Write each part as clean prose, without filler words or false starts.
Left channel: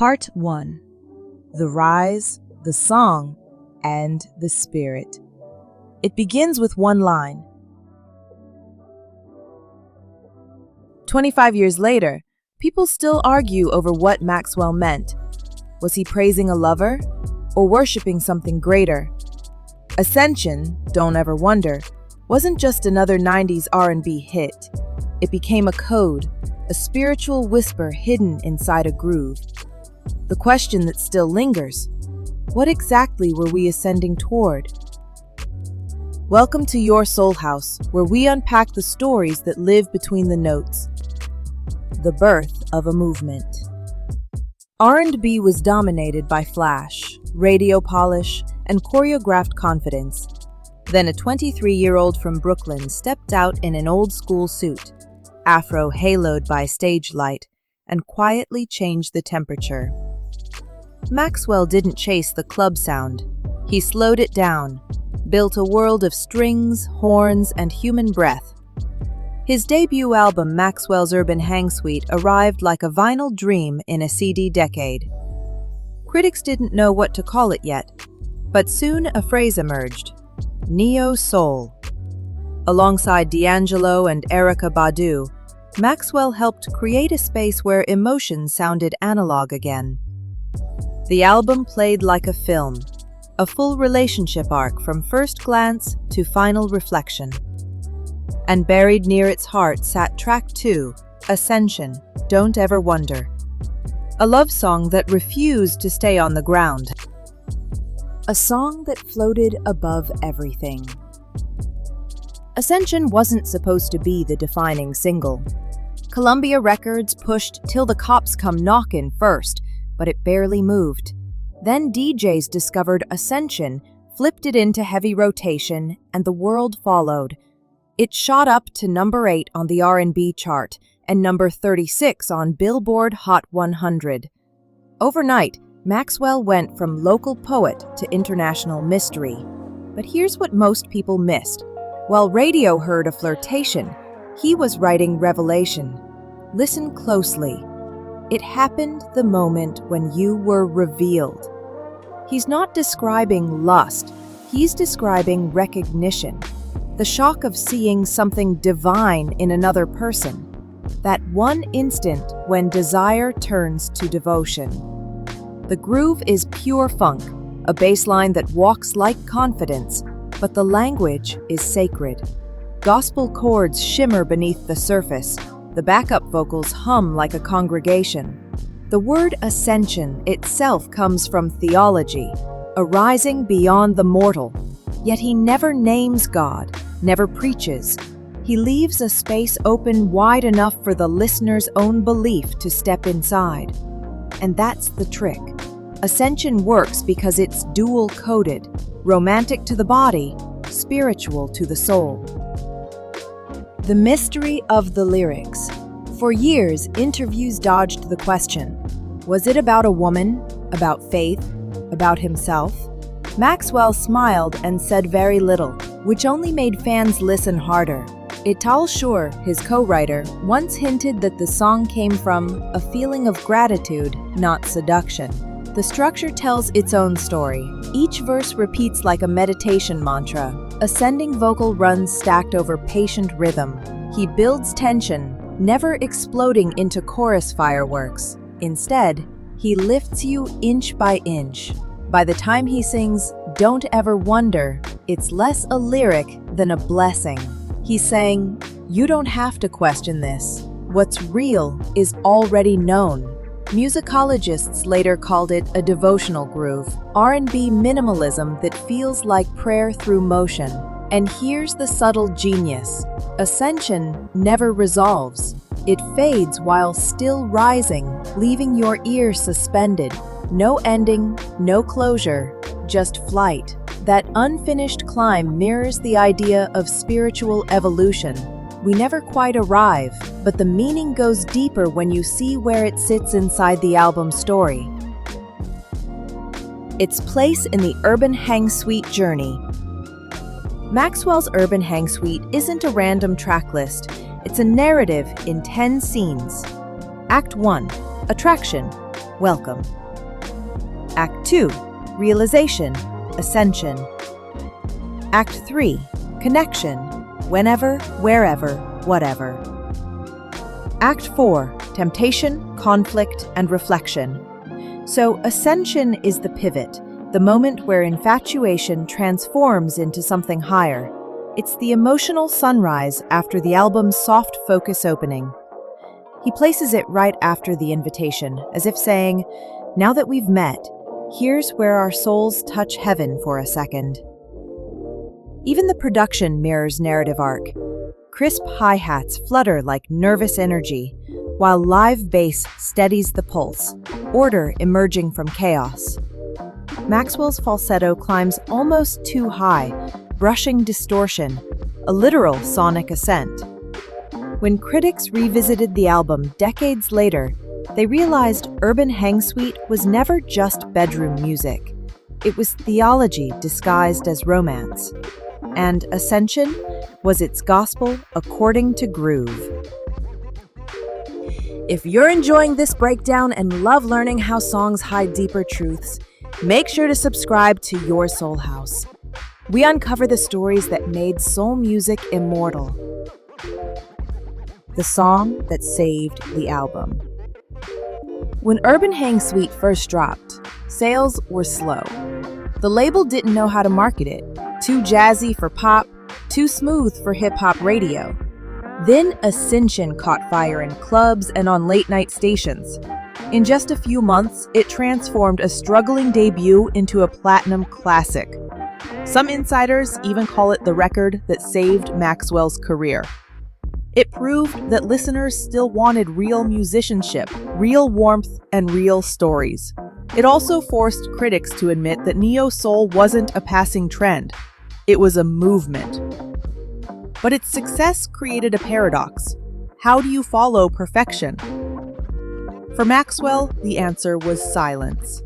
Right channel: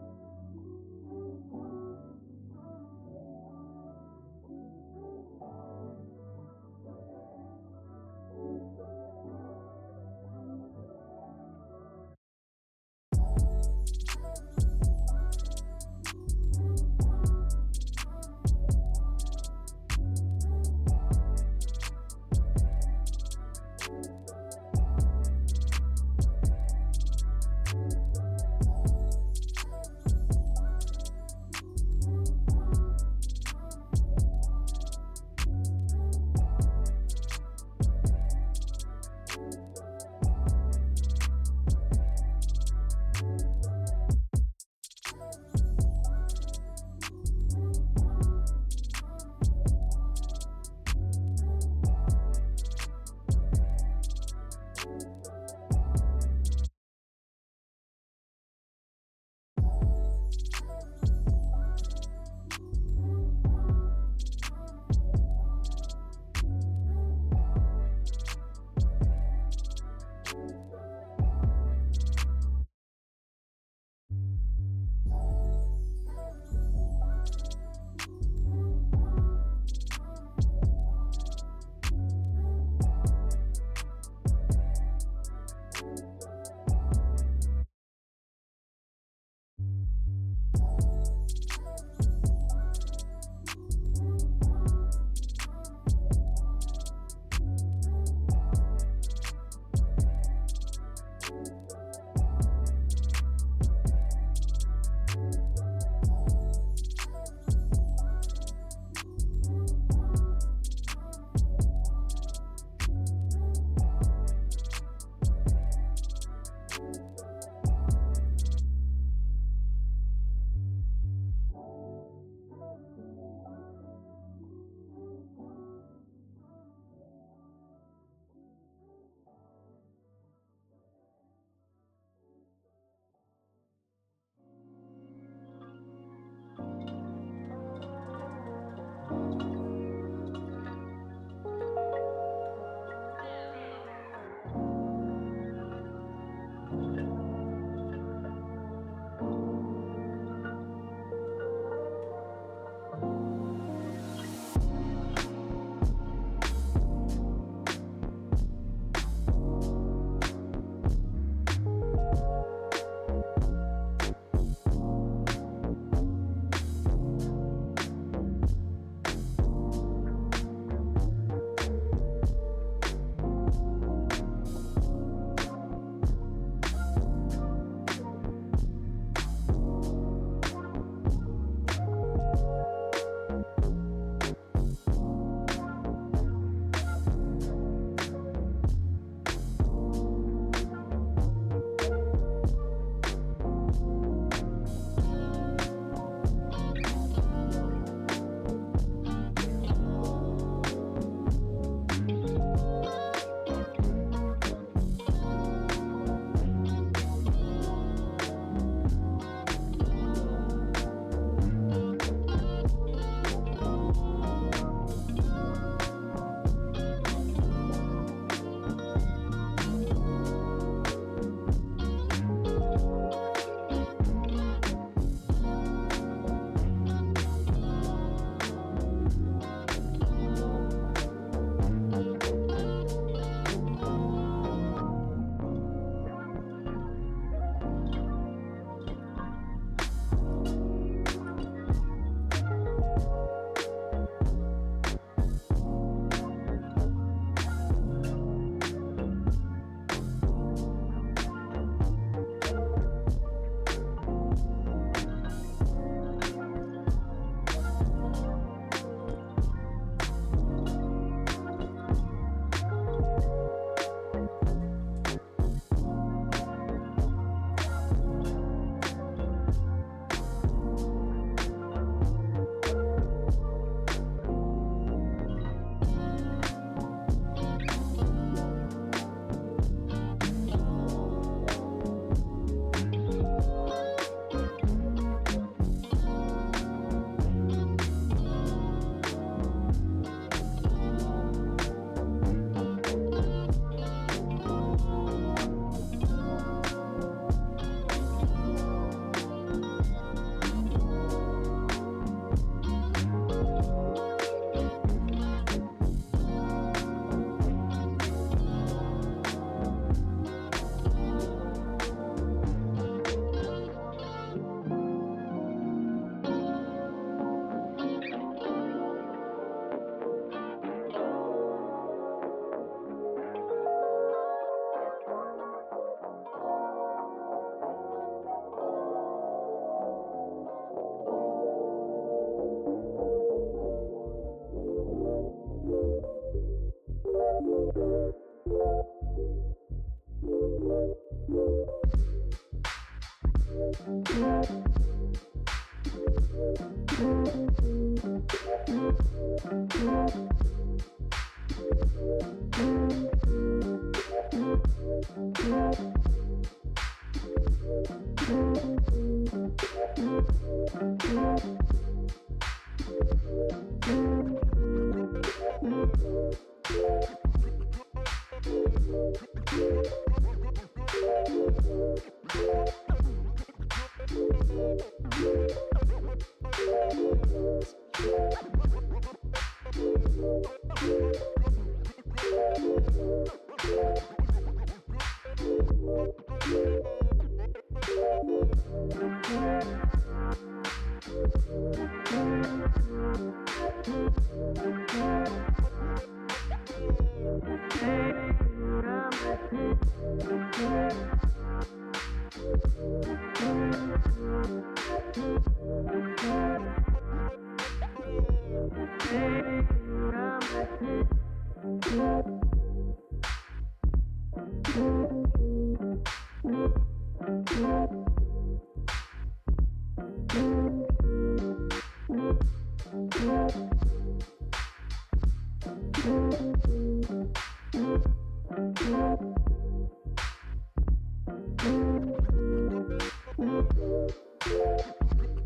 Part 1. The Rise, the Song, and the Spirit. It begins with one line. 25 years later, people still argue over what Maxwell meant. Was he praising a lover or worshiping something greater? Ascension, Don't Ever Wonder, wasn't just another 90s R&B hit. It became a code, a spiritual whisper hidden inside a groove. The question that still lingers, what exactly were we ascending toward? Welcome to Your Soul House, where we unpack the stories that live between the notes. The birth of a movement. R&B was dominated by flash, radio polish, and choreographed confidence. Then a 23-year-old from Brooklyn stepped out in an old-school suit, afro haloed by stage light, and quietly changed the temperature. Maxwell didn't chase the club sound. He slowed it down, built a world of strings, horns, and human breath. His debut album, Maxwell's Urban Hang Suite, arrived like a vinyl dream in a CD decade. Critics didn't know what to call it yet, but soon a phrase emerged: neo-soul. Alongside D'Angelo and Erykah Badu, Maxwell helped create a space where emotions sounded analog again. The album played like a film, a full relationship arc from first glance to final reflection. And buried near its heart sat track 2, Ascension, Don't Ever Wonder. A love song that refused to stay on the ground. A song that floated above everything. Ascension wasn't supposed to be the defining single. Columbia Records pushed Till the Cops Come Knockin' first, but it barely moved. Then DJs discovered Ascension, flipped it into heavy rotation, and the world followed. It shot up to number 8 on the R&B chart and number 36 on Billboard Hot 100. Overnight, Maxwell went from local poet to international mystery. But here's what most people missed. While radio heard a flirtation, he was writing revelation. Listen closely. It happened the moment when you were revealed. He's not describing lust, he's describing recognition. The shock of seeing something divine in another person. That one instant when desire turns to devotion. The groove is pure funk, a bass line that walks like confidence, but the language is sacred. Gospel chords shimmer beneath the surface. The backup vocals hum like a congregation. The word ascension itself comes from theology, a rising beyond the mortal. Yet he never names God, never preaches. He leaves a space open wide enough for the listener's own belief to step inside. And that's the trick. Ascension works because it's dual-coded, romantic to the body, spiritual to the soul. The mystery of the lyrics. For years, interviews dodged the question. Was it about a woman, about faith, about himself? Maxwell smiled and said very little, which only made fans listen harder. Ital Shur, his co-writer, once hinted that the song came from a feeling of gratitude, not seduction. The structure tells its own story. Each verse repeats like a meditation mantra. Ascending vocal runs stacked over patient rhythm. He builds tension, never exploding into chorus fireworks. Instead, he lifts you inch by inch. By the time he sings Don't Ever Wonder, it's less a lyric than a blessing. He's saying, you don't have to question this. What's real is already known. Musicologists later called it a devotional groove, R&B minimalism that feels like prayer through motion. And here's the subtle genius. Ascension never resolves. It fades while still rising, leaving your ear suspended. No ending, no closure, just flight. That unfinished climb mirrors the idea of spiritual evolution. We never quite arrive, but the meaning goes deeper when you see where it sits inside the album's story. Its place in the Urban Hang Suite journey. Maxwell's Urban Hang Suite isn't a random track list. It's a narrative in 10 scenes. Act 1. Attraction. welcome. Act 2, realization, ascension. Act 3, connection, whenever, wherever, whatever. Act 4, temptation, conflict, and reflection. So ascension is the pivot, the moment where infatuation transforms into something higher. It's the emotional sunrise after the album's soft focus opening. He places it right after the invitation, as if saying, now that we've met, here's where our souls touch heaven for a second. Even the production mirrors narrative arc. Crisp hi-hats flutter like nervous energy, while live bass steadies the pulse, order emerging from chaos. Maxwell's falsetto climbs almost too high, brushing distortion, a literal sonic ascent. When critics revisited the album decades later, they realized Urban Hang Suite was never just bedroom music. It was theology disguised as romance. And Ascension was its gospel according to groove. If you're enjoying this breakdown and love learning how songs hide deeper truths, make sure to subscribe to Your Soul House. We uncover the stories that made soul music immortal. The song that saved the album. When Urban Hang Suite first dropped, sales were slow. The label didn't know how to market it. Too jazzy for pop, too smooth for hip-hop radio. Then Ascension caught fire in clubs and on late-night stations. In just a few months, it transformed a struggling debut into a platinum classic. Some insiders even call it the record that saved Maxwell's career. It proved that listeners still wanted real musicianship, real warmth, and real stories. It also forced critics to admit that neo-soul wasn't a passing trend. It was a movement. But its success created a paradox. How do you follow perfection? For Maxwell, the answer was silence.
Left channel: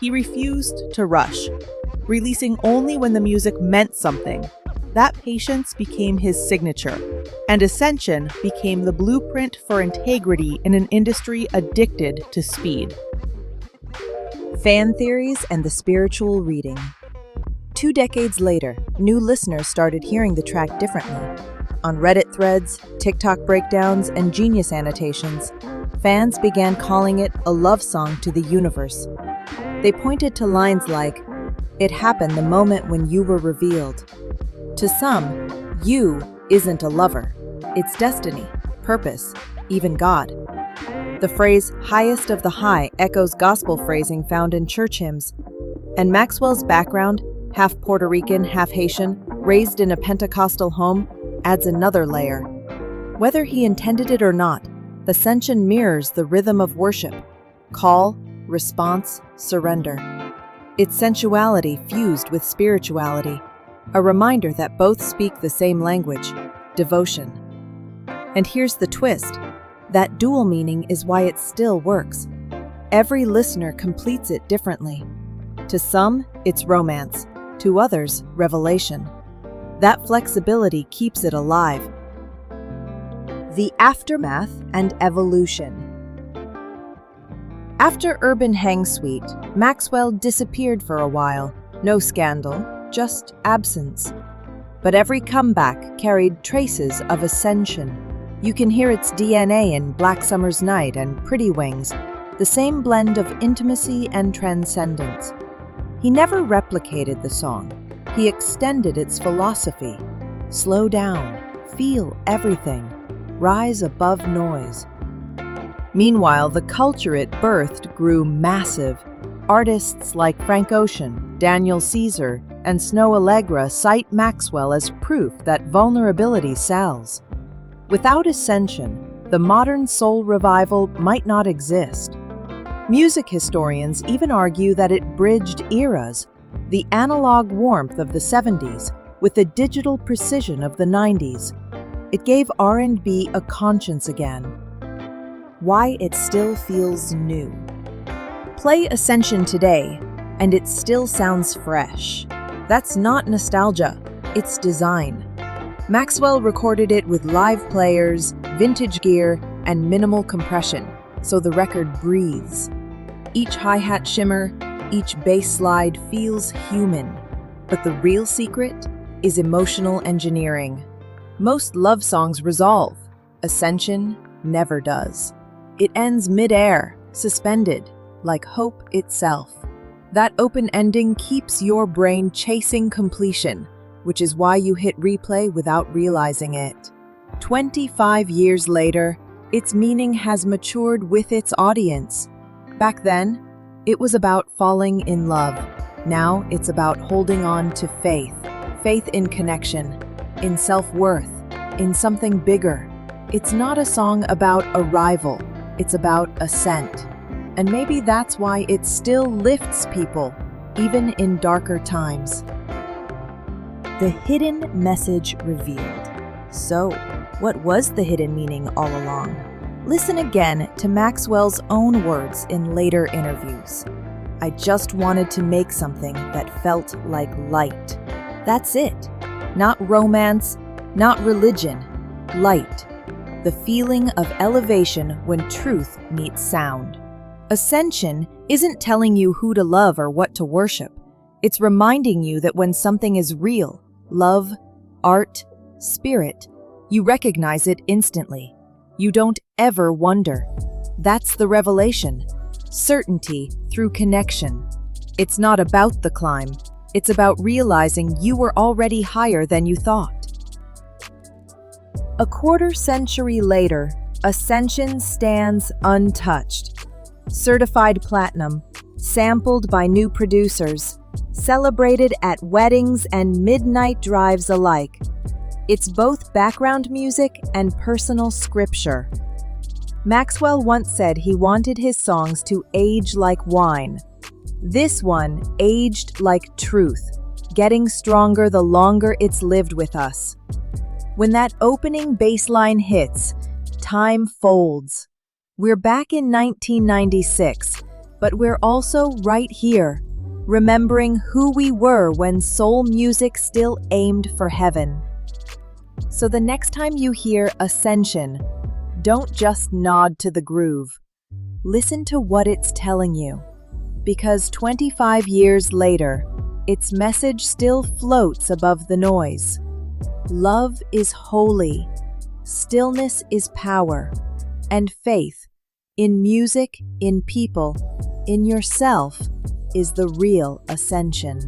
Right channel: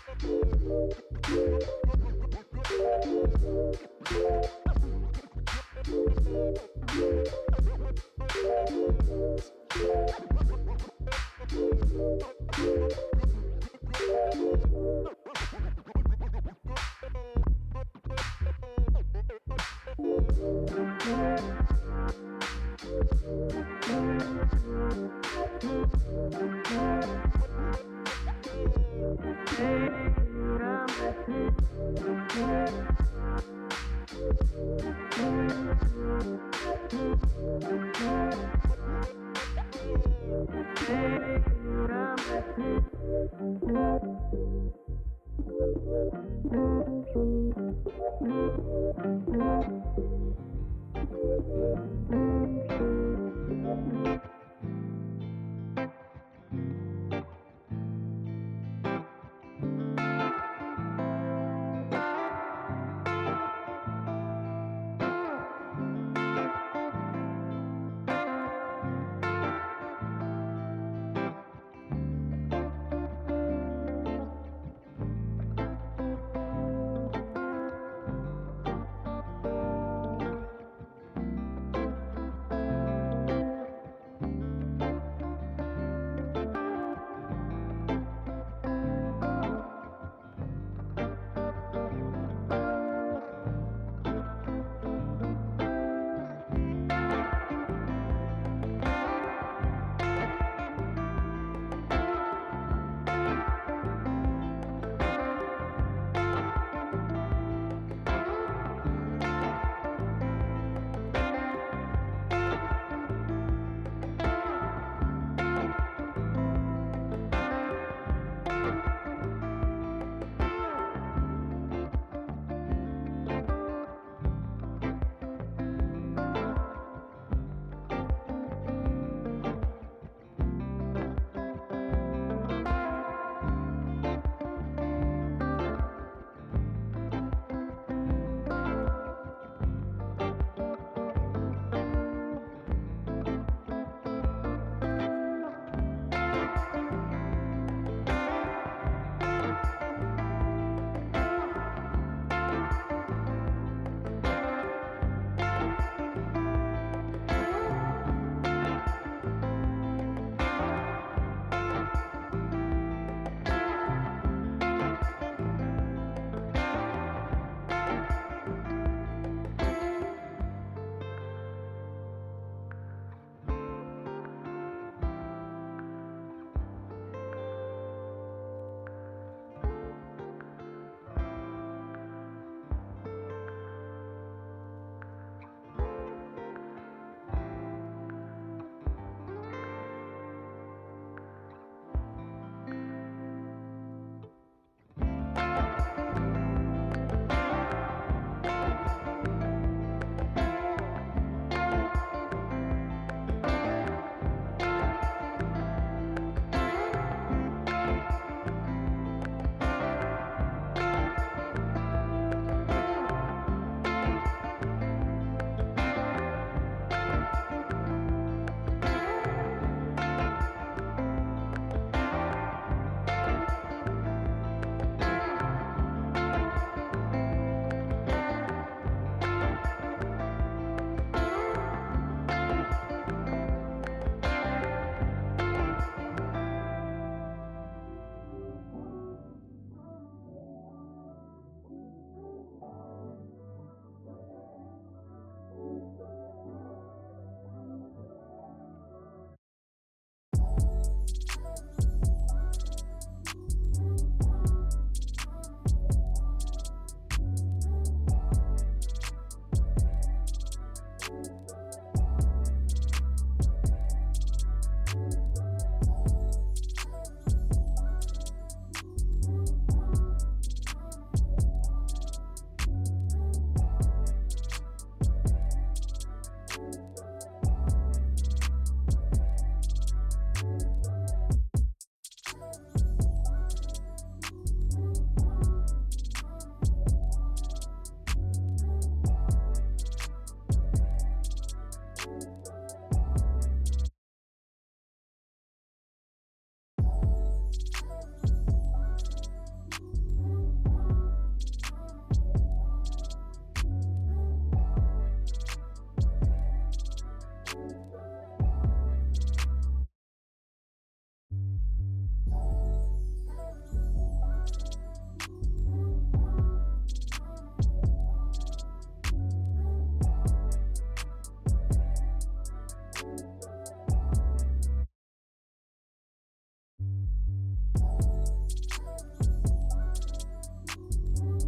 He refused to rush, releasing only when the music meant something. That patience became his signature, and Ascension became the blueprint for integrity in an industry addicted to speed. Fan theories and the spiritual reading. 2 decades later, new listeners started hearing the track differently. On Reddit threads, TikTok breakdowns, and Genius annotations, fans began calling it a love song to the universe. They pointed to lines like, "It happened the moment when you were revealed." To some, you isn't a lover. It's destiny, purpose, even God. The phrase highest of the high echoes gospel phrasing found in church hymns. And Maxwell's background, half Puerto Rican, half Haitian, raised in a Pentecostal home, adds another layer. Whether he intended it or not, Ascension mirrors the rhythm of worship: call, response, surrender. Its sensuality fused with spirituality, a reminder that both speak the same language, devotion. And here's the twist. That dual meaning is why it still works. Every listener completes it differently. To some, it's romance. To others, revelation. That flexibility keeps it alive. The aftermath and evolution. After Urban Hang Suite, Maxwell disappeared for a while. No scandal, just absence. But every comeback carried traces of Ascension. You can hear its DNA in Black Summer's Night and Pretty Wings, the same blend of intimacy and transcendence. He never replicated the song. He extended its philosophy. Slow down, feel everything, rise above noise. Meanwhile, the culture it birthed grew massive. Artists like Frank Ocean, Daniel Caesar, and Snow Allegra cite Maxwell as proof that vulnerability sells. Without Ascension, the modern soul revival might not exist. Music historians even argue that it bridged eras, the analog warmth of the 70s with the digital precision of the 90s. It gave R&B a conscience again. Why it still feels new. Play Ascension today, and it still sounds fresh. That's not nostalgia, it's design. Maxwell recorded it with live players, vintage gear, and minimal compression, so the record breathes. Each hi-hat shimmer, each bass slide feels human. But the real secret is emotional engineering. Most love songs resolve. Ascension never does. It ends mid-air, suspended, like hope itself. That open ending keeps your brain chasing completion, which is why you hit replay without realizing it. 25 years later, its meaning has matured with its audience. Back then, it was about falling in love. Now it's about holding on to faith. Faith in connection, in self-worth, in something bigger. It's not a song about arrival, it's about ascent. And maybe that's why it still lifts people, even in darker times. The hidden message revealed. So, what was the hidden meaning all along? Listen again to Maxwell's own words in later interviews. I just wanted to make something that felt like light. That's it. Not romance, not religion. Light. The feeling of elevation when truth meets sound. Ascension isn't telling you who to love or what to worship. It's reminding you that when something is real, love, art, spirit, you recognize it instantly. You don't ever wonder. That's the revelation. Certainty through connection. It's not about the climb. It's about realizing you were already higher than you thought. A quarter century later, Ascension stands untouched. Certified platinum, sampled by new producers, celebrated at weddings and midnight drives alike. It's both background music and personal scripture. Maxwell once said he wanted his songs to age like wine. This one aged like truth, getting stronger the longer it's lived with us. When that opening bass line hits, time folds. We're back in 1996, but we're also right here, remembering who we were when soul music still aimed for heaven. So the next time you hear Ascension, don't just nod to the groove. Listen to what it's telling you. Because 25 years later, its message still floats above the noise. Love is holy, stillness is power, and faith, in music, in people, in yourself, is the real ascension.